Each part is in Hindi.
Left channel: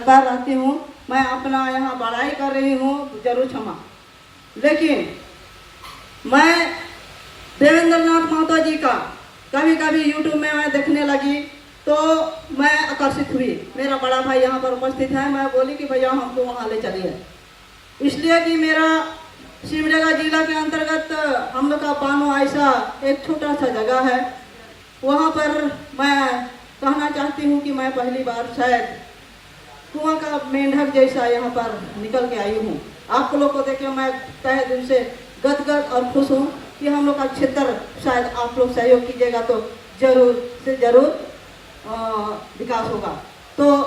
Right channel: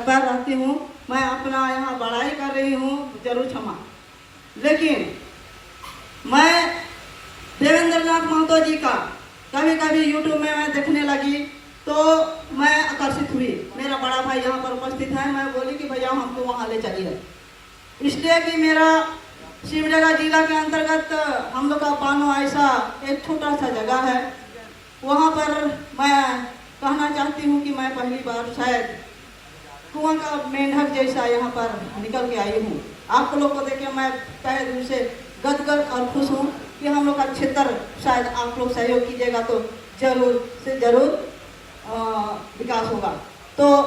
पर रहती हूँ, मैं अपना यहाँ पढ़ाई कर रही हूँ, जरूर क्षमा। लेकिन मैं देवेंद्र नाथ महतो जी का कभी कभी यूट्यूब में मैं देखने लगी तो मैं आकर्षित हुई। मेरा बड़ा भाई यहाँ पर उपस्थित है, मैं बोली कि भैया हमको वहाँ ले चलिए, इसलिए कि मेरा सिमडेगा जिला के अंतर्गत हम लोग का बानो ऐसा एक छोटा सा जगह है, वहाँ पर मैं कहना चाहती हूँ कि मैं पहली बार शायद कुआं का मेंढक जैसा यहाँ पर निकल के आई हूँ। आप लोग को देख के मैं तहे दिल से गदगद और खुश हूँ कि हम लोग का क्षेत्र शायद आप लोग सहयोग कीजिएगा तो जरूर से जरूर विकास होगा। तो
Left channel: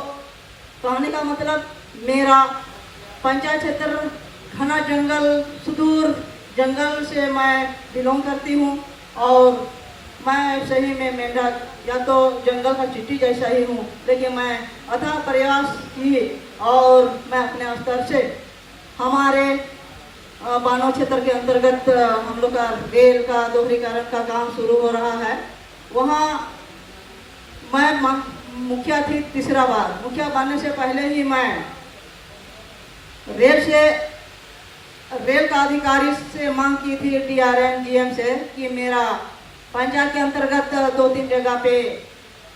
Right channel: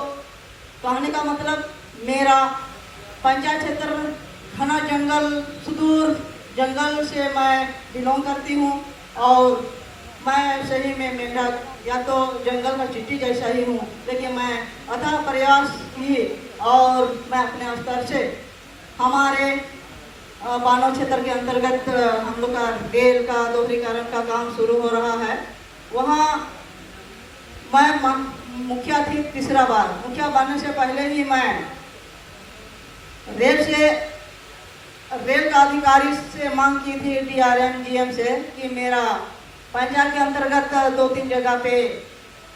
कहने का मतलब मेरा पंचायत क्षेत्र घना जंगल, सुदूर जंगल से मैं बिलोंग करती हूँ और मैं सही में मेंढक या तो जंगल का चींटी जैसा ही हूँ, लेकिन मैं अथाह प्रयास की और मैं अपने स्तर से हमारे बानो क्षेत्र के अंतर्गत हम लोग का रेल का दोहरीकरण का काम शुरू हो रहा है। वहाँ मैं मुखिया थी तीसरा बार। मुखिया बनने से पहले ही मैं रेल का अधिकारी से मांग की थी, DRM GM से, कि मेरा पंचायत के अंतर्गत 2-3 जगह पे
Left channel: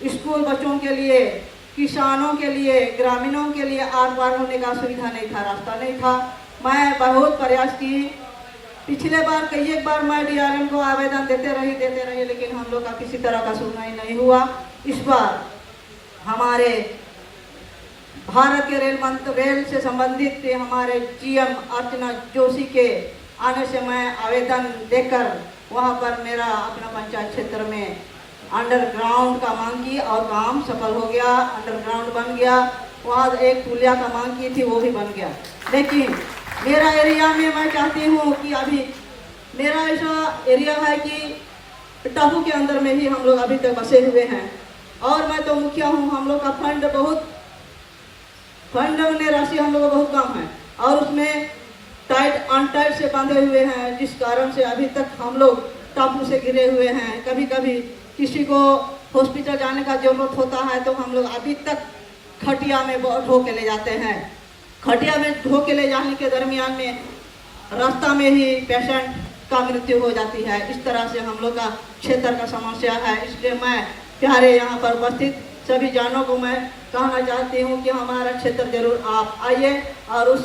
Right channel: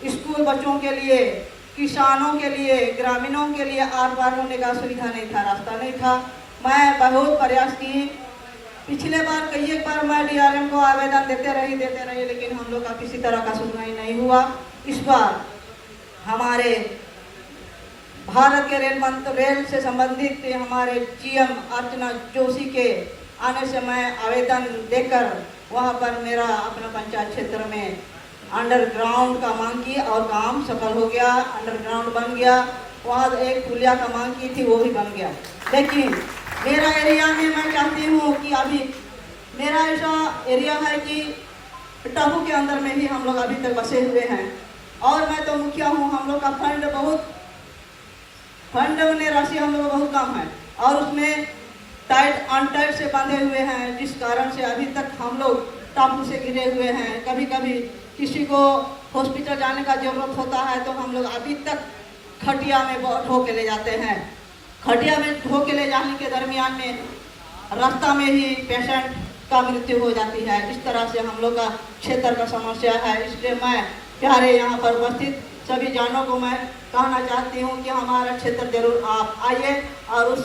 स्कूल बच्चों के लिए, किसानों के लिए, ग्रामीणों के लिए आर पार होने का सुविधा नहीं था, रास्ता नहीं था। मैं बहुत प्रयास की। पिछले बार कई एक बार मैं DRM को आवेदन देते रहे, लेकिन हम लोग का किसी तरह का सुनवाई नहीं हुआ। इस बार हमारे भारत के रेल से संबंधित हमारे GM अर्चना जोशी के आने से मैं आवेदन देकर वहाँ पर मेरा अपना पंचायत क्षेत्र में अंडरग्राउंड का मांग की और काम सफल हो गया, अंडरग्राउंड बन गया। वहाँ एक पुलिया का मांग की थी, वो भी बन गया। लेकिन मेरा एरिया में मैं चाहती हूँ कि अभी मेरा ऐसा एरिया है कि टापू के अंदर में ही हम लोग अभी तक बसे हुए हैं और मैं तो मुखिया हूँ। हम लोग का फंड में राशि हम लोग का बहुत कम है और उसमें टाइट अनटाइट से बांधे हुए हैं, जिस कारण से अभी तक हम लोग टापू से घिरे हुए हैं। कभी कभी किसी को हॉस्पिटल जाने का जरूरत होता है तो हम लोग अभी तक खटिया में ढो के ले जाते हैं। खटिया में ढो के ले जाने के दरमियान में रास्ता में ही पेशेंट का मृत्यु हो जाती है। इस तरह से हम लोग का क्षेत्र का समस्या है। इसलिए मैं प्यारे यहाँ पर उपस्थित सभी जानों को मैं कहना चाहती हूँ कि हमारा क्षेत्र जरूर आप आइए और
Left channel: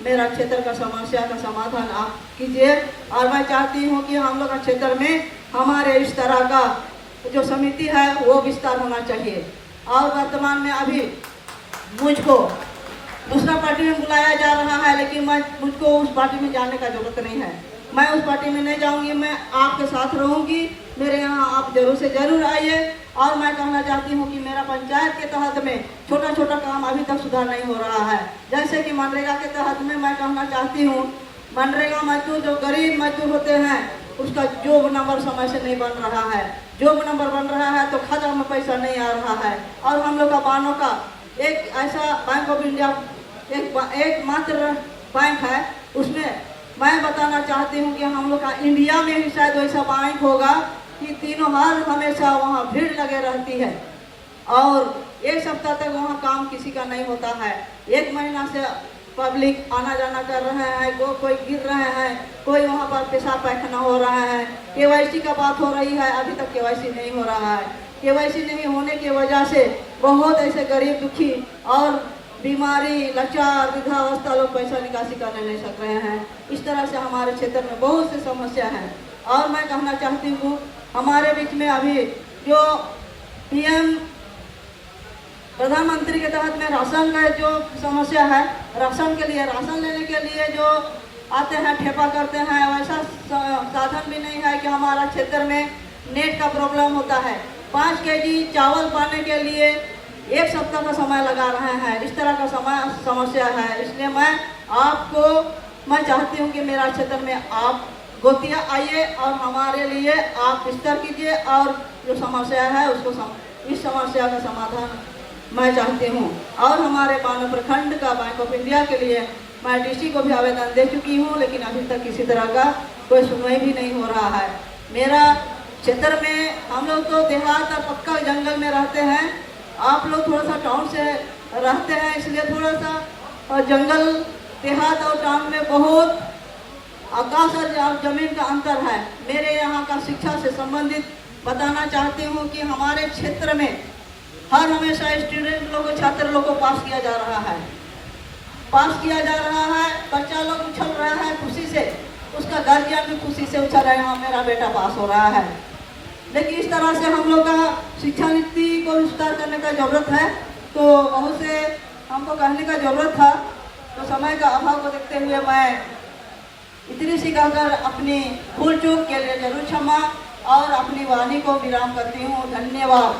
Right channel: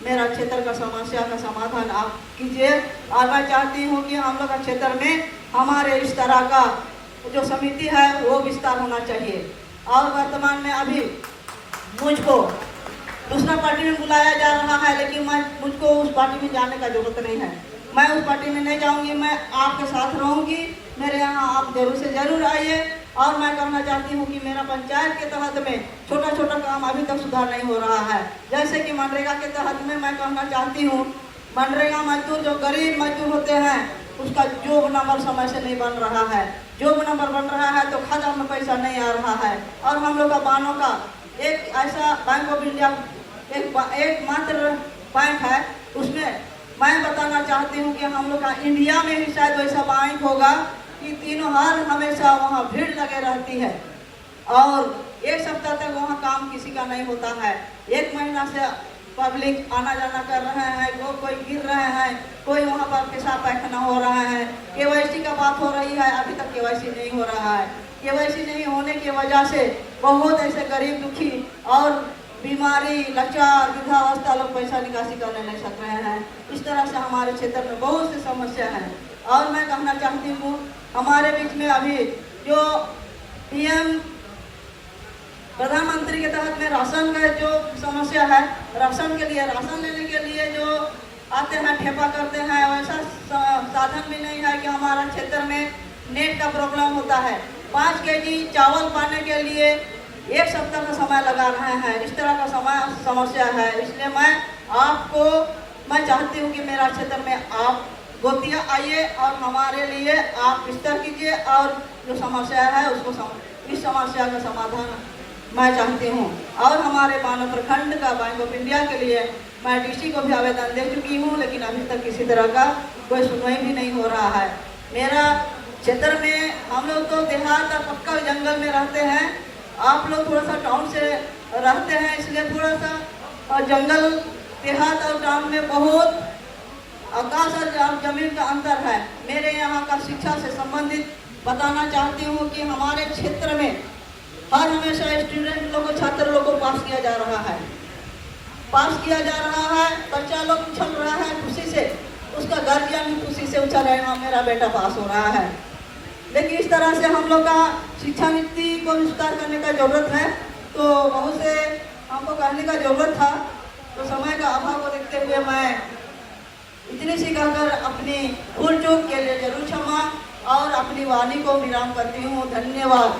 मेरा क्षेत्र का समस्या का समाधान आप कीजिए। और मैं चाहती हूँ कि हम लोग का क्षेत्र में हमारे इस तरह का जो समिति है वो विस्तार होना चाहिए। और वर्तमान में अभी मुझको दूसरा पार्टी में बुलाया जा रहा है, लेकिन मुझको उस पार्टी में जाने का जरूरत नहीं है। मैं उस पार्टी में नहीं जाऊंगी, मैं आपके साथ रहूंगी। मेरे यहाँ आप जरूर से जरूर आइए। और मैं कहना चाहती हूँ कि मेरा पंचायत के तहत में छोटा छोटा काम अभी तक सुधार नहीं हो रहा है। जैसे कि मनरेगा के तहत में मैं कहना चाहती हूँ, मनरेगा मजदूर जो गरीब मजदूर होते हैं उसका जॉब नंबर समय से नहीं बन रहा है। जॉब नंबर बन रहा है तो खाता में पैसा नहीं आ रहा है। और हम लोग का बानों का एक ऐसा बैंक ऑफ इंडिया एक मात्र बैंक है, उसमें मैं बताना चाहती हूँ कि हम लोग का इंडिया में ही शायद वैसा बैंक होगा कि तीनों हाल हमेशा वहाँ भीड़ लगे रहती है और एक सप्ताह तक वहाँ काम किसी का नहीं होता है। 1 महीना से पब्लिक आना जाना कर रहे हैं, कोई गिर रहे हैं, कोई वहाँ पर पेशाब पैखाना हो रहा है। KYC का बात हो रही है, अभी तक KYC नहीं हो रहा है। KYC नहीं होने की वजह से बहुत ऐसे गरीब दुखी और बीमारी लाचार विधवा अवस्था लोग पैसा निकासी करने नहीं सक रहे हैं। इस तरह से हमारे क्षेत्र में बहुत सी समस्या है। और मैं कहना चाहती हूँ हमारे बीच में अभी जो PM प्रधानमंत्री के तहत में राशन का जो समस्या है, राशन लेने के लिए जो आते हैं ठेपा करते हैं, वैसा साधन भी नहीं है कि हमारा क्षेत्र में नेट का प्रॉब्लम होता है। 5 kg चावल पाने के लिए 1 सप्ताह का समय लगा रहे हैं। इस तरह का समस्या है। इसलिए मैं चाहती हूँ कि मेरा क्षेत्र में आप गोतिया आइए और हमारे लिए आप विस्तार कीजिए और जो समस्या है उसको इस समस्या का समाधान मैं चाहती हूँ। और हमारे बानो प्रखंड का बैंक ऑफ इंडिया के लिए मैं DC को भी आवेदन दे चुकी हूँ, लेकिन अभी तक किसी तरह का कोई सुनवाई भी नहीं हो रहा है। मेरा क्षेत्र में हम लोग तो देहात और पक्का जंगल में रहते हैं, आप लोग थोड़ा सा टाउन से रहते हैं, इसलिए थोड़ा सा और जंगल देहात और टाउन में बहुत आकाश और जमीन का अंतर है। मेरे यहाँ का शिक्षा से संबंधित बताना चाहती हूँ कि हमारे क्षेत्र में हर हमेशा स्टूडेंट लोग को, छात्र लोग को पास किया जा रहा है, बच्चा लोग उछल रहा है खुशी से, उसका गार्जियन भी खुशी से उछल रहे हैं, हाँ मेरा बेटा पास हो रहा है। लेकिन इस तरह से हम लोग का शिक्षा नीति को विस्तार करने का जरूरत है। तो बहुत से हमको कहने का जरूरत था, तो समय का अभाव को देखते हुए मैं इतनी सी कहकर अपनी भूल चूक के लिए जरूर क्षमा और अपनी वाणी को विराम करती हूँ। धन्यवाद।